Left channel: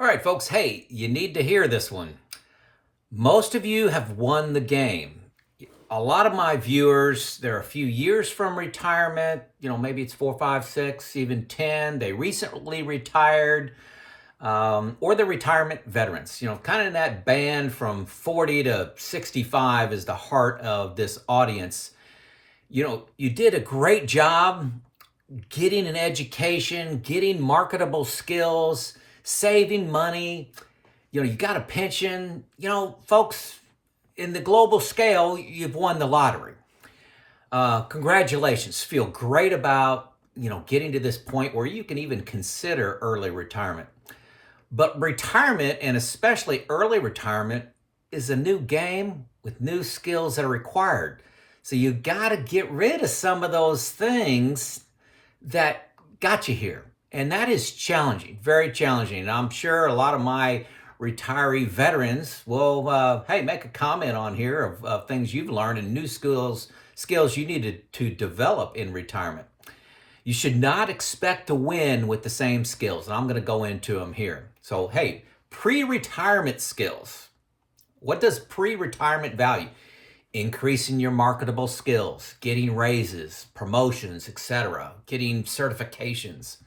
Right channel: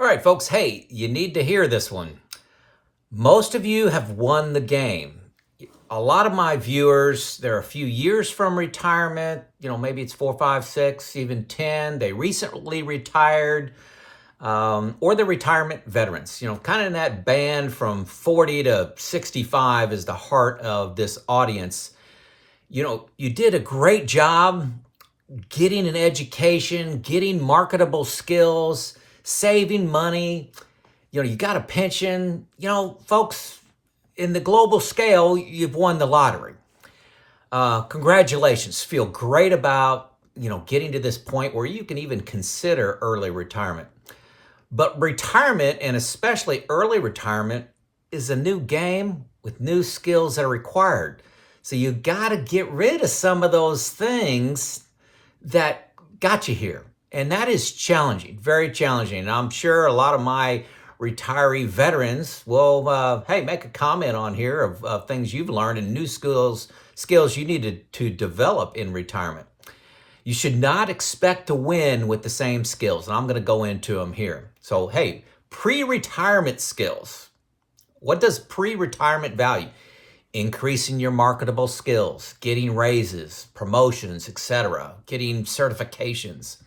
All right, folks. Hey, you need to hear this one. Most of you have won the game. A lot of my viewers, they're a few years from retirement. Maybe it's 4, 5, 6, even 10. They recently retired, or they're retirement veterans. Kind of in that band from 40 to 65 is the heart of this audience. You did a great job getting an education, getting marketable skills, saving money. You got a pension. Folks, in the global scale, you've won the lottery. Congratulations. Feel great about, getting to this point where you can even consider early retirement. But retirement, and especially early retirement, is a new game with new skills that are required. So you got to get rid of some of those things that got you here. And that is challenging, very challenging. And I'm sure a lot of my retiree veterans will, hey, make a comment on here of things you've learned and new skills you needed to develop in retirement. You should not expect to win with the same skills. And I'm going to go into them here. So, hey, pre-retirement skills. What does pre-retirement value? Increasing your marketable skills, getting raises, promotions, etc., getting certifications,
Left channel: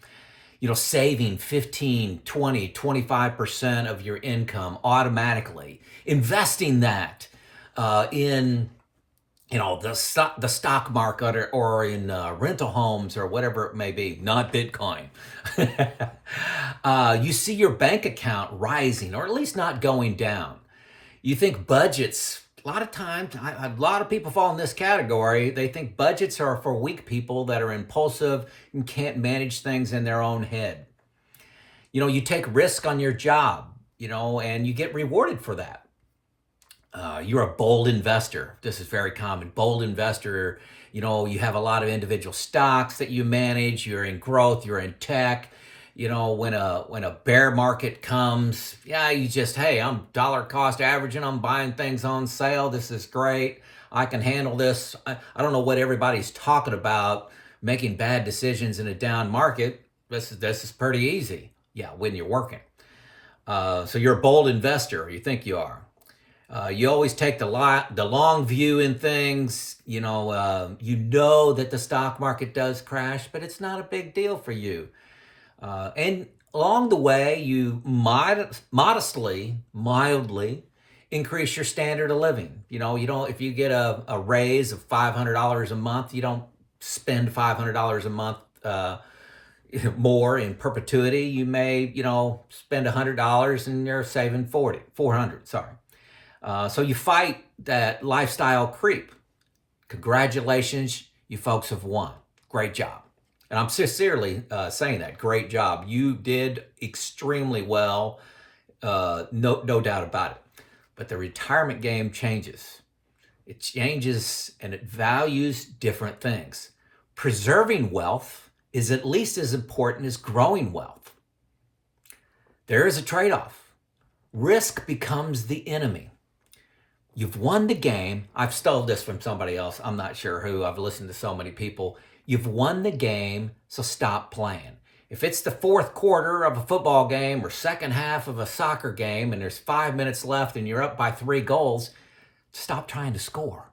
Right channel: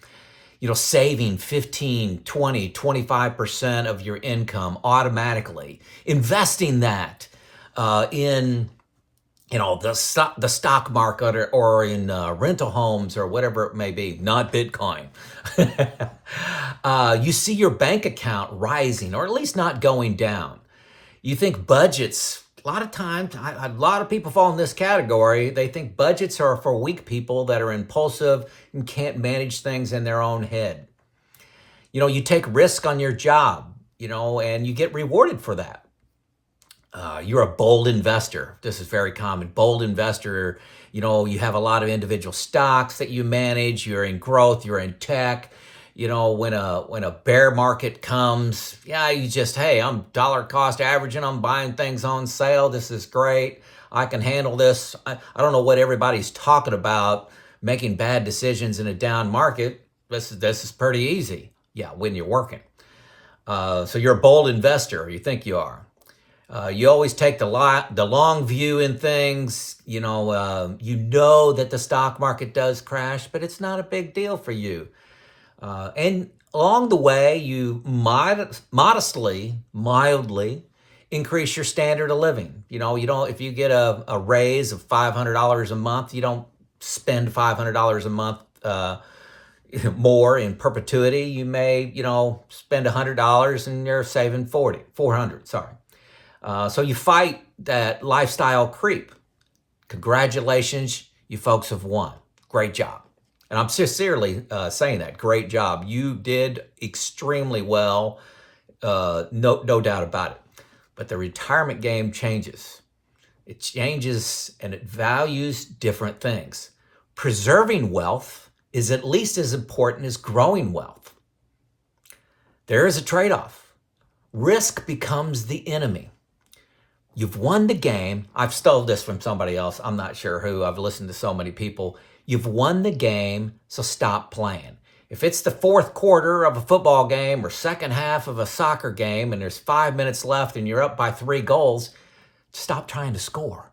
saving 15, 20, 25% of your income automatically, investing that in, the stock market or in rental homes or whatever it may be, not Bitcoin. You see your bank account rising or at least not going down. You think budgets, a lot of times, a lot of people fall in this category. They think budgets are for weak people that are impulsive and can't manage things in their own head. You take risk on your job, and you get rewarded for that. You're a bold investor. This is very common. Bold investor, you have a lot of individual stocks that you manage. You're in growth, you're in tech. When a bear market comes, you just, hey, I'm dollar cost averaging. I'm buying things on sale. This is great. I can handle this. I don't know what everybody's talking about, making bad decisions in a down market. This is pretty easy. Yeah, when you're working. So you're a bold investor. You think you are. You always take the long view in things. You know that the stock market does crash, but it's not a big deal for you. And along the way, you modestly, mildly increase your standard of living. You don't, if you get a raise of $500 a month, you don't spend $500 a month more in perpetuity. You may, spend $100 and you're saving 400, sorry. So you fight that lifestyle creep. Congratulations, you folks have won. Great job. And I'm sincerely saying that. Great job. You did extremely well. No doubt about it. But the retirement game changes. It changes and it values different things. Preserving wealth is at least as important as growing wealth. There is a trade-off. Risk becomes the enemy. You've won the game. I've stole this from somebody else. I'm not sure who. I've listened to so many people. You've won the game, so stop playing. If it's the fourth quarter of a football game or second half of a soccer game and there's 5 minutes left and you're up by 3 goals, stop trying to score.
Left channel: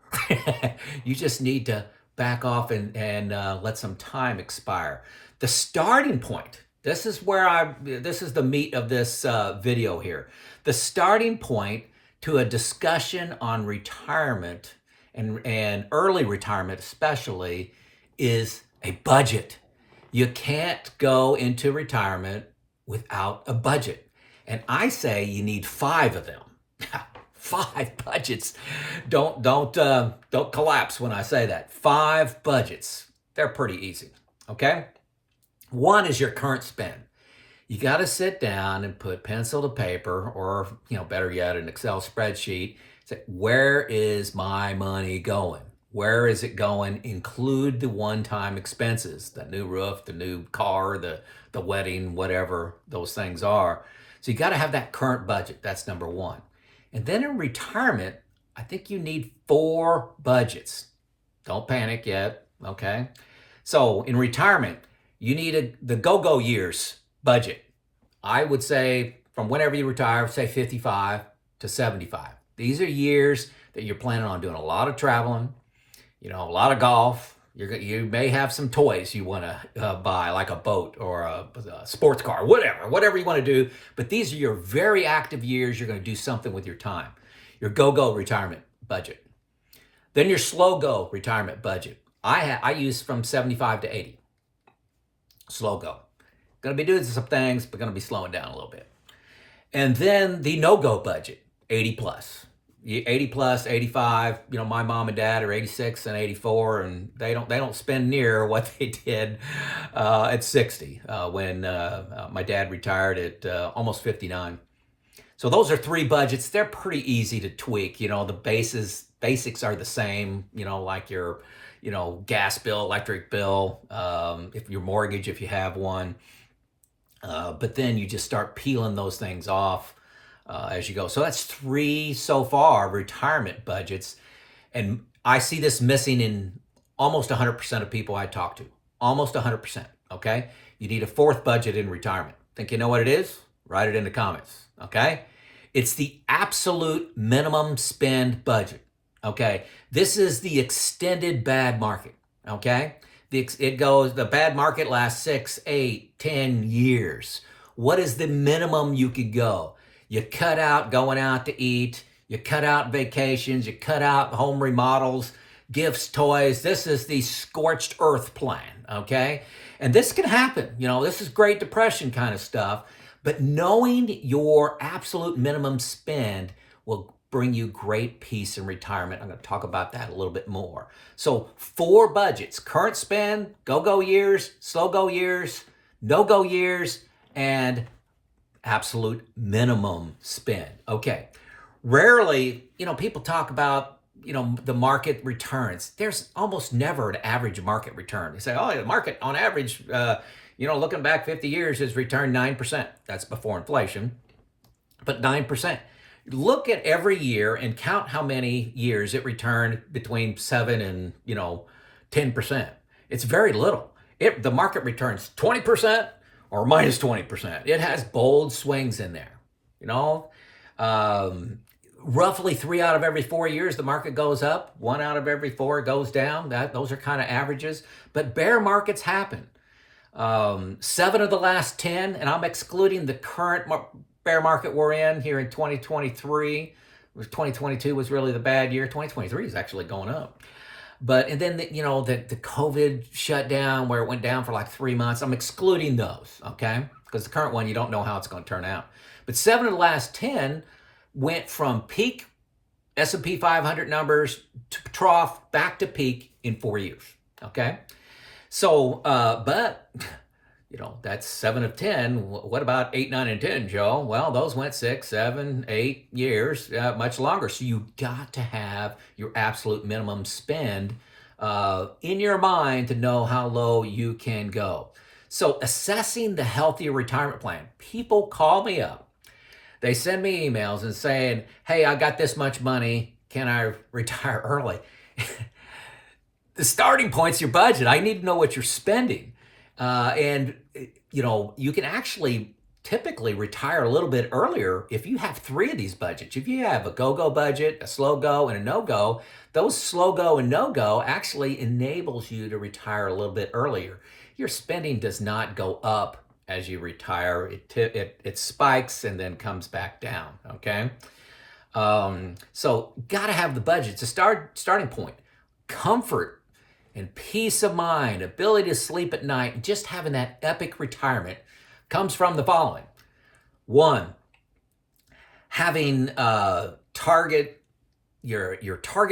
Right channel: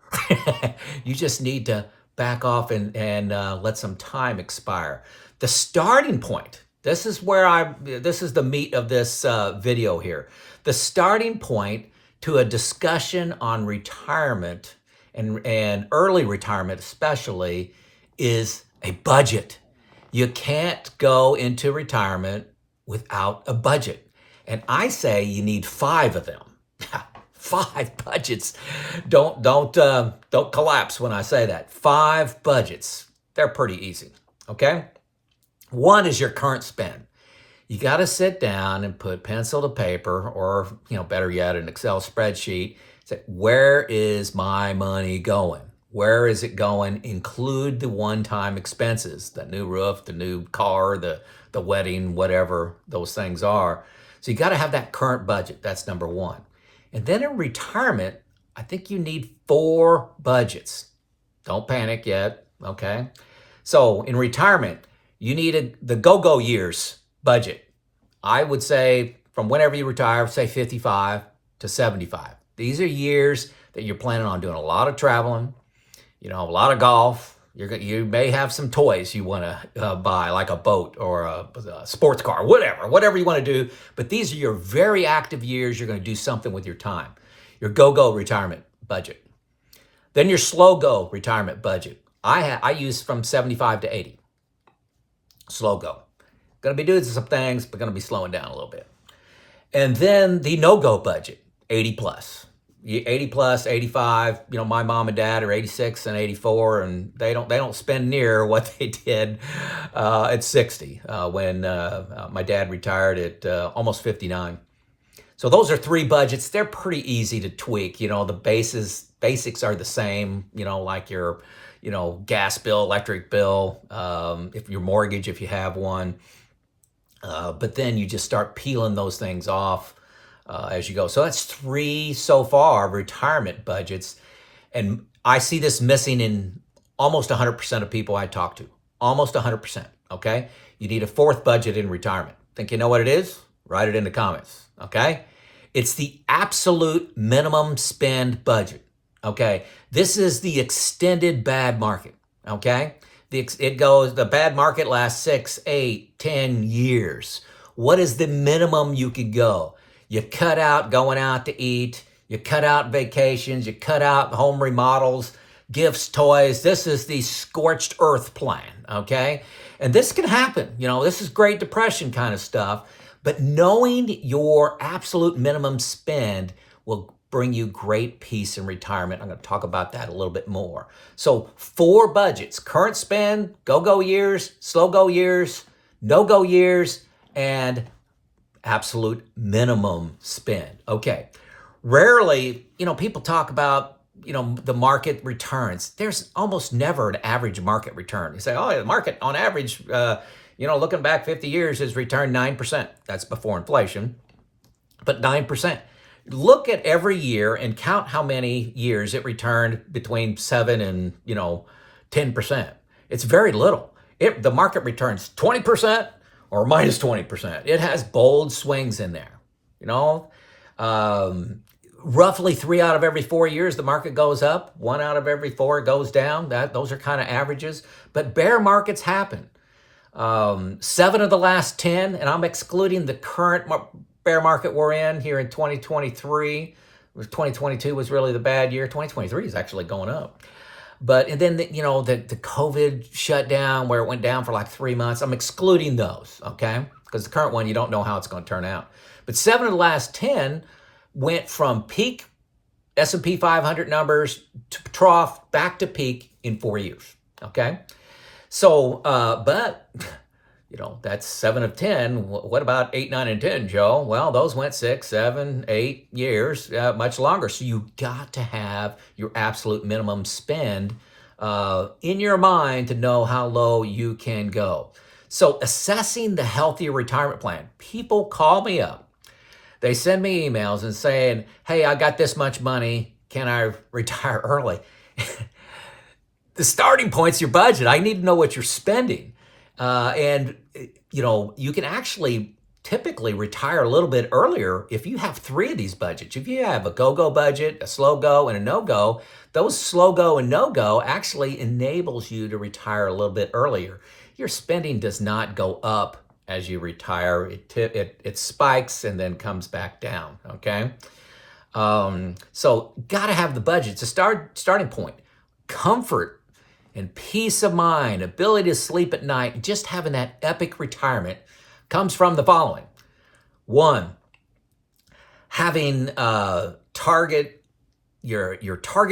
You just need to back off and let some time expire. The starting point, this is the meat of this video here. The starting point to a discussion on retirement and early retirement especially is a budget. You can't go into retirement without a budget. And I say you need 5 of them. 5 budgets. Don't collapse when I say that. 5 budgets. They're pretty easy. Okay? 1 is your current spend. You got to sit down and put pencil to paper, or better yet, an Excel spreadsheet. Say, where is my money going? Where is it going? Include the one-time expenses, the new roof, the new car, the wedding, whatever those things are. So you got to have that current budget. That's number 1. And then in retirement, I think you need 4 budgets. Don't panic yet, okay? So in retirement, you need the go-go years budget. I would say from whenever you retire, say 55 to 75. These are years that you're planning on doing a lot of traveling, a lot of golf. You may have some toys you want to buy, like a boat or a sports car, whatever you want to do. But these are your very active years. You're going to do something with your time. Your go-go retirement budget. Then your slow-go retirement budget. I use from 75 to 80. Slow-go. Going to be doing some things, but going to be slowing down a little bit. And then the no-go budget, 80 plus. 80 plus, 85. My mom and dad are 86 and 84, and they don't spend near what they did at 60 when my dad retired at almost 59. So those are three budgets. They're pretty easy to tweak. The basics are the same. Like your gas bill, electric bill, if your mortgage, if you have one. But then you just start peeling those things off as you go. So that's three so far retirement budgets. And I see this missing in almost 100% of people I talk to. Almost 100%, okay? You need a fourth budget in retirement. Think you know what it is? Write it in the comments, okay? It's the absolute minimum spend budget, okay? This is the extended bad market, okay? The bad market lasts 6, 8, 10 years. What is the minimum you could go? You cut out going out to eat. You cut out vacations. You cut out home remodels, gifts, toys. This is the scorched earth plan, okay? And this can happen. This is Great Depression kind of stuff. But knowing your absolute minimum spend will bring you great peace in retirement. I'm going to talk about that a little bit more. So 4 budgets: current spend, go-go years, slow-go years, no-go years, and absolute minimum spend. Okay. Rarely, people talk about, the market returns. There's almost never an average market return. You say, oh, the market on average, looking back 50 years has returned 9%. That's before inflation, but 9%. Look at every year and count how many years it returned between 7 and, 10%. It's very little. The market returns 20%. Or minus 20%. It has bold swings in there. Roughly 3 out of every 4 years, the market goes up. 1 out of every 4 goes down. Those are kind of averages. But bear markets happen. 7 of the last 10, and I'm excluding the current bear market we're in here in 2023. 2022 was really the bad year. 2023 is actually going up. And then, the COVID shutdown where it went down for like 3 months, I'm excluding those, okay? Because the current one, you don't know how it's going to turn out. But 7 of the last 10 went from peak S&P 500 numbers to trough back to peak in 4 years, okay? So, that's 7 of 10. What about 8, 9, and 10, Joe? Well, those went 6, 7, 8 years, much longer. So you got to have your absolute minimum spend in your mind to know how low you can go. So assessing the healthier retirement plan. People call me up. They send me emails and saying, hey, I got this much money. Can I retire early? The starting point's your budget. I need to know what you're spending. You can actually typically retire a little bit earlier if you have 3 of these budgets. If you have a go-go budget, a slow-go, and a no-go, those slow-go and no-go actually enables you to retire a little bit earlier. Your spending does not go up as you retire. It spikes and then comes back down, okay? So got to have the budget. It's a starting point. Comfort and peace of mind, ability to sleep at night, just having that epic retirement comes from the following. 1, having your target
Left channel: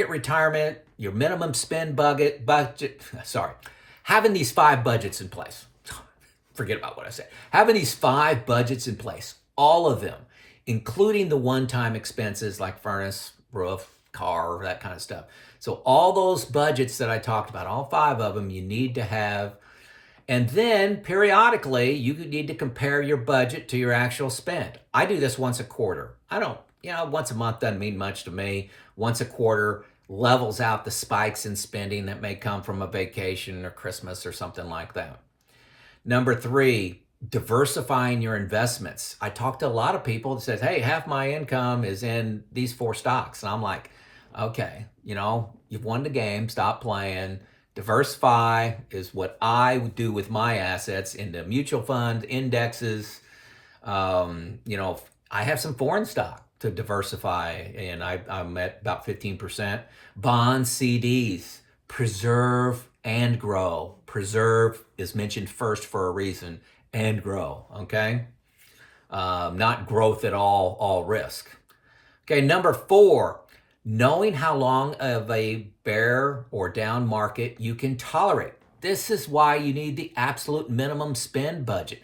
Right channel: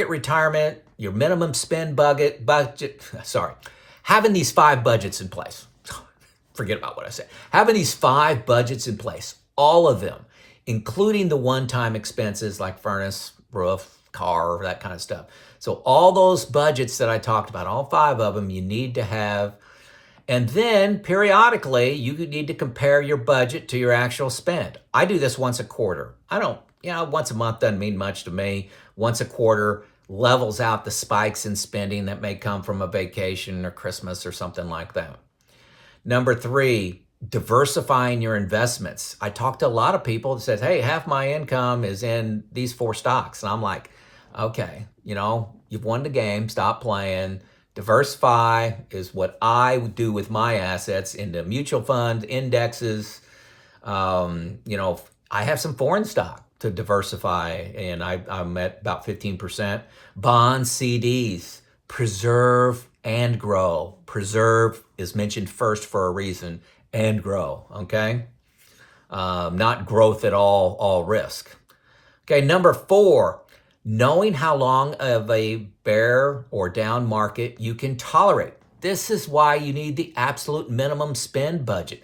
retirement, your minimum spend budget, having these 5 budgets in place. Forget about what I said. Having these 5 budgets in place, all of them, including the one-time expenses like furnace, roof, car, that kind of stuff. So all those budgets that I talked about, all 5 of them, you need to have. And then periodically, you need to compare your budget to your actual spend. I do this once a quarter. I don't, once a month doesn't mean much to me. Once a quarter levels out the spikes in spending that may come from a vacation or Christmas or something like that. Number 3, diversifying your investments. I talked to a lot of people that said, hey, half my income is in these 4 stocks. And I'm like, okay, you've won the game, stop playing. Diversify is what I would do with my assets into mutual funds, indexes. I have some foreign stock to diversify, and I'm at about 15%. Bonds, CDs, preserve and grow. Preserve is mentioned first for a reason, and grow, okay? Not growth at all risk. Okay, number 4, knowing how long of a bear or down market you can tolerate. This is why you need the absolute minimum spend budget.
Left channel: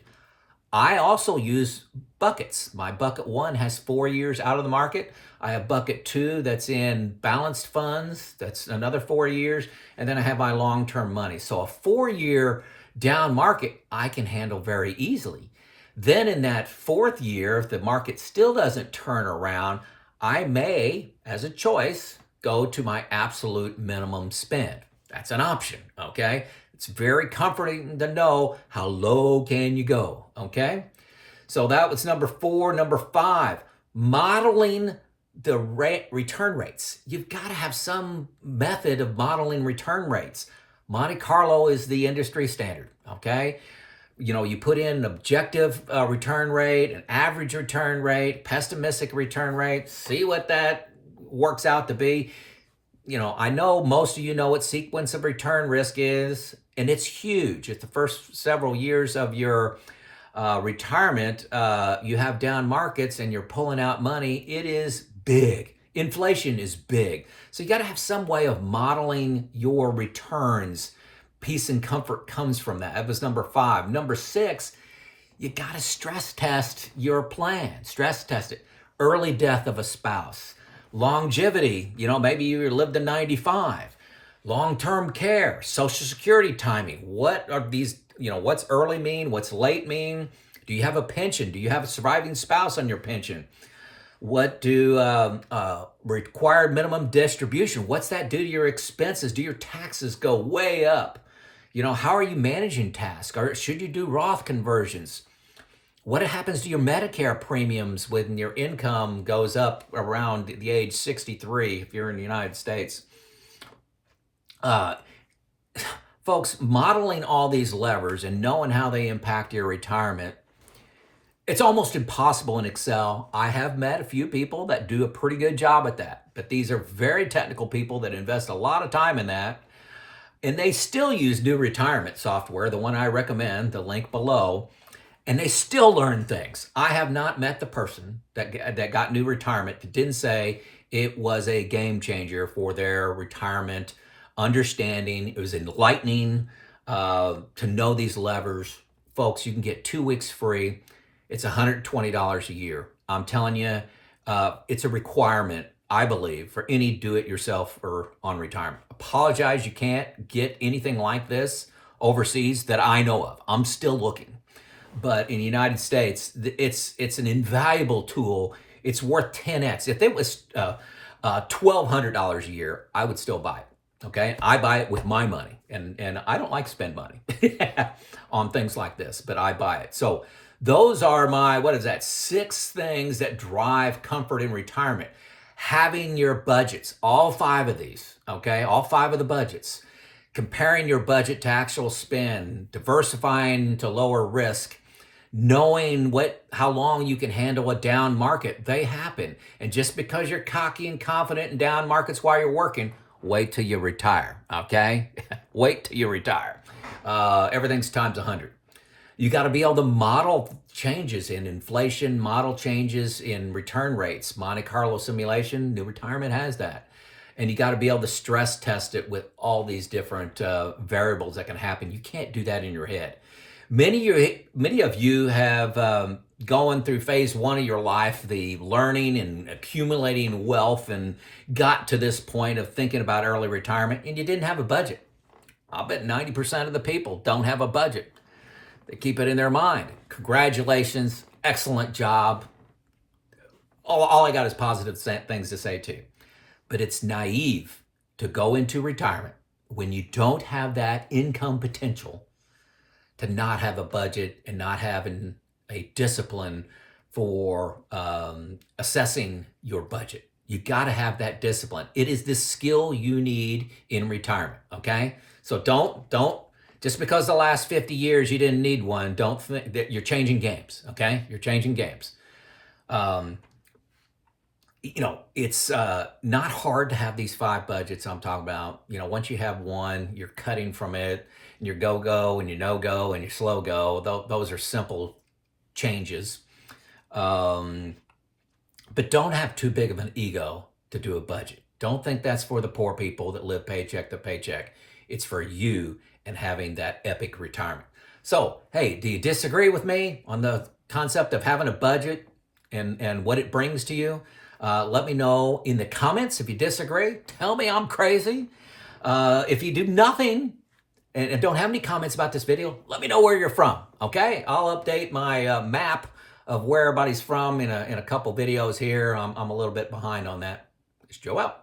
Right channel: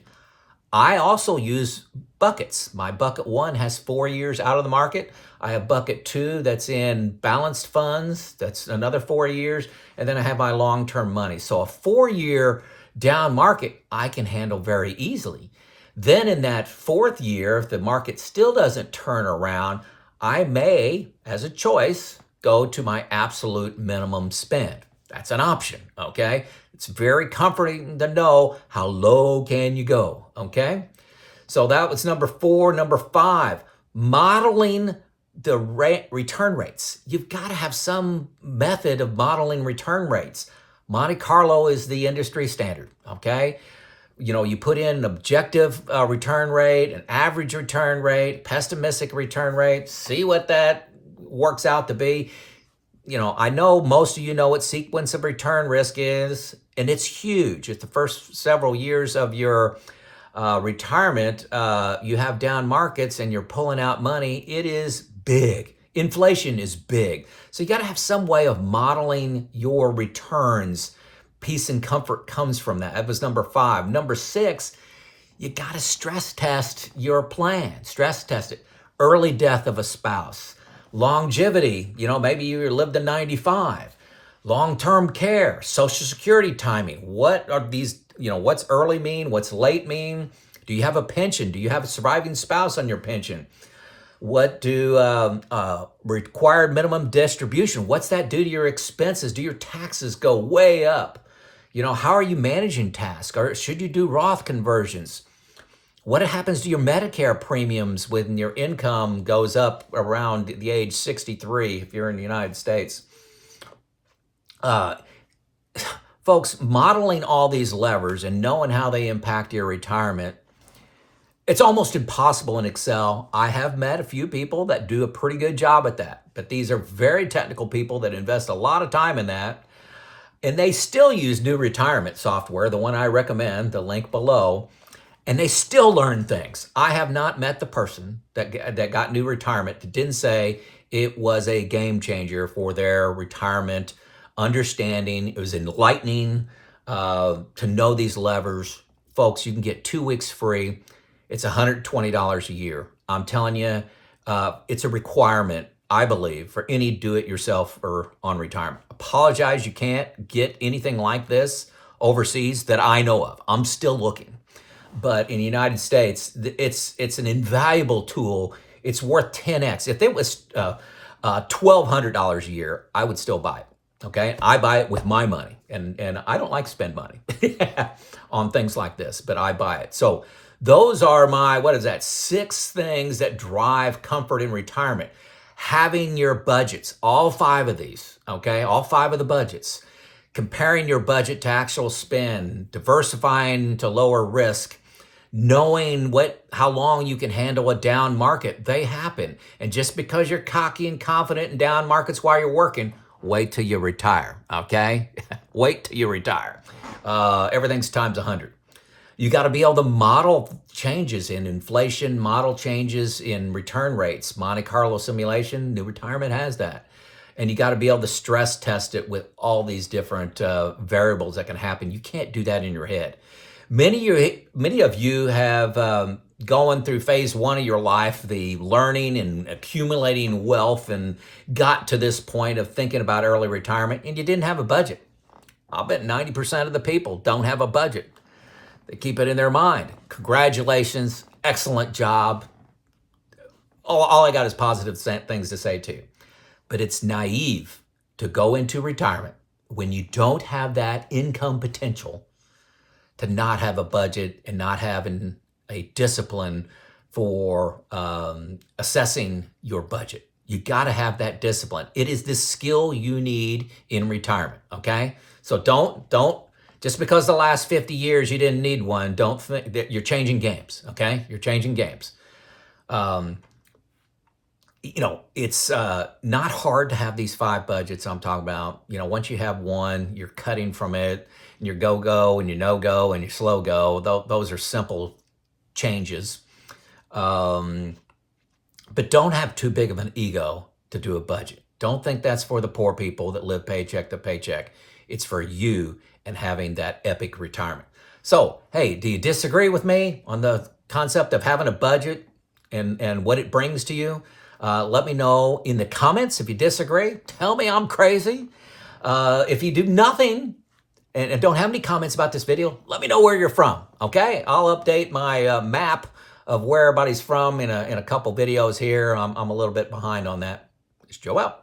I also use buckets. My bucket 1 has 4 years out of the market. I have bucket 2 that's in balanced funds. That's another 4 years. And then I have my long-term money. So a 4-year down market, I can handle very easily. Then in that 4th year, if the market still doesn't turn around, I may, as a choice, go to my absolute minimum spend. That's an option, okay? It's very comforting to know how low can you go, okay? So that was number 4. Number 5, modeling the return rates. You've got to have some method of modeling return rates. Monte Carlo is the industry standard, okay? You put in an objective return rate, an average return rate, pessimistic return rate, see what that works out to be. I know most of you know what sequence of return risk is, and it's huge. It's the first several years of your retirement. You have down markets and you're pulling out money. It is big. Inflation is big. So you got to have some way of modeling your returns. Peace and comfort comes from that. That was number 5. Number 6, you got to stress test your plan. Stress test it. Early death of a spouse. Longevity, maybe you lived to 95. Long-term care, Social Security timing. What are these, what's early mean? What's late mean? Do you have a pension? Do you have a surviving spouse on your pension? What do required minimum distribution? What's that do to your expenses? Do your taxes go way up? How are you managing tasks? Or should you do Roth conversions? What happens to your Medicare premiums when your income goes up around the age 63 if you're in the United States? Folks, modeling all these levers and knowing how they impact your retirement, it's almost impossible in Excel. I have met a few people that do a pretty good job at that, but these are very technical people that invest a lot of time in that, and they still use New Retirement software, the one I recommend, the link below, and they still learn things. I have not met the person that got New Retirement that didn't say it was a game changer for their retirement understanding. It was enlightening to know these levers. Folks, you can get 2 weeks free. It's $120 a year. I'm telling you, it's a requirement, I believe, for any do-it-yourself or on retirement. Apologize, you can't get anything like this overseas that I know of. I'm still looking. But in the United States, it's an invaluable tool. It's worth 10x. If it was $1,200 a year, I would still buy it. Okay, I buy it with my money, and I don't like to spend money on things like this, but I buy it. So those are my 6 things that drive comfort in retirement. Having your budgets, all 5 of these, okay, all 5 of the budgets. Comparing your budget to actual spend, diversifying to lower risk, knowing how long you can handle a down market. They happen. And just because you're cocky and confident in down markets while you're working, wait till you retire, okay? Wait till you retire. Everything's times 100. You got to be able to model changes in inflation, model changes in return rates. Monte Carlo simulation, New Retirement has that. And you got to be able to stress test it with all these different variables that can happen. You can't do that in your head. Many of you have gone through phase 1 of your life, the learning and accumulating wealth, and got to this point of thinking about early retirement, and you didn't have a budget. I'll bet 90% of the people don't have a budget. They keep it in their mind. Congratulations, excellent job. All I got is positive things to say to you. But it's naive to go into retirement when you don't have that income potential to not have a budget and not having a discipline for assessing your budget. You got to have that discipline. It is the skill you need in retirement. Okay, so don't just because the last 50 years you didn't need one. Don't think that you're changing games. Okay, you're changing games. It's not hard to have these 5 budgets I'm talking about. Once you have one, you're cutting from it, and your go and your no go and your slow go. Those are simple changes. But don't have too big of an ego to do a budget. Don't think that's for the poor people that live paycheck to paycheck. It's for you and having that epic retirement. So, hey, do you disagree with me on the concept of having a budget and what it brings to you? Let me know in the comments if you disagree. Tell me I'm crazy. If you do nothing and don't have any comments about this video, let me know where you're from, okay? I'll update my map of where everybody's from in a couple videos here. I'm a little bit behind on that. It's Joe out.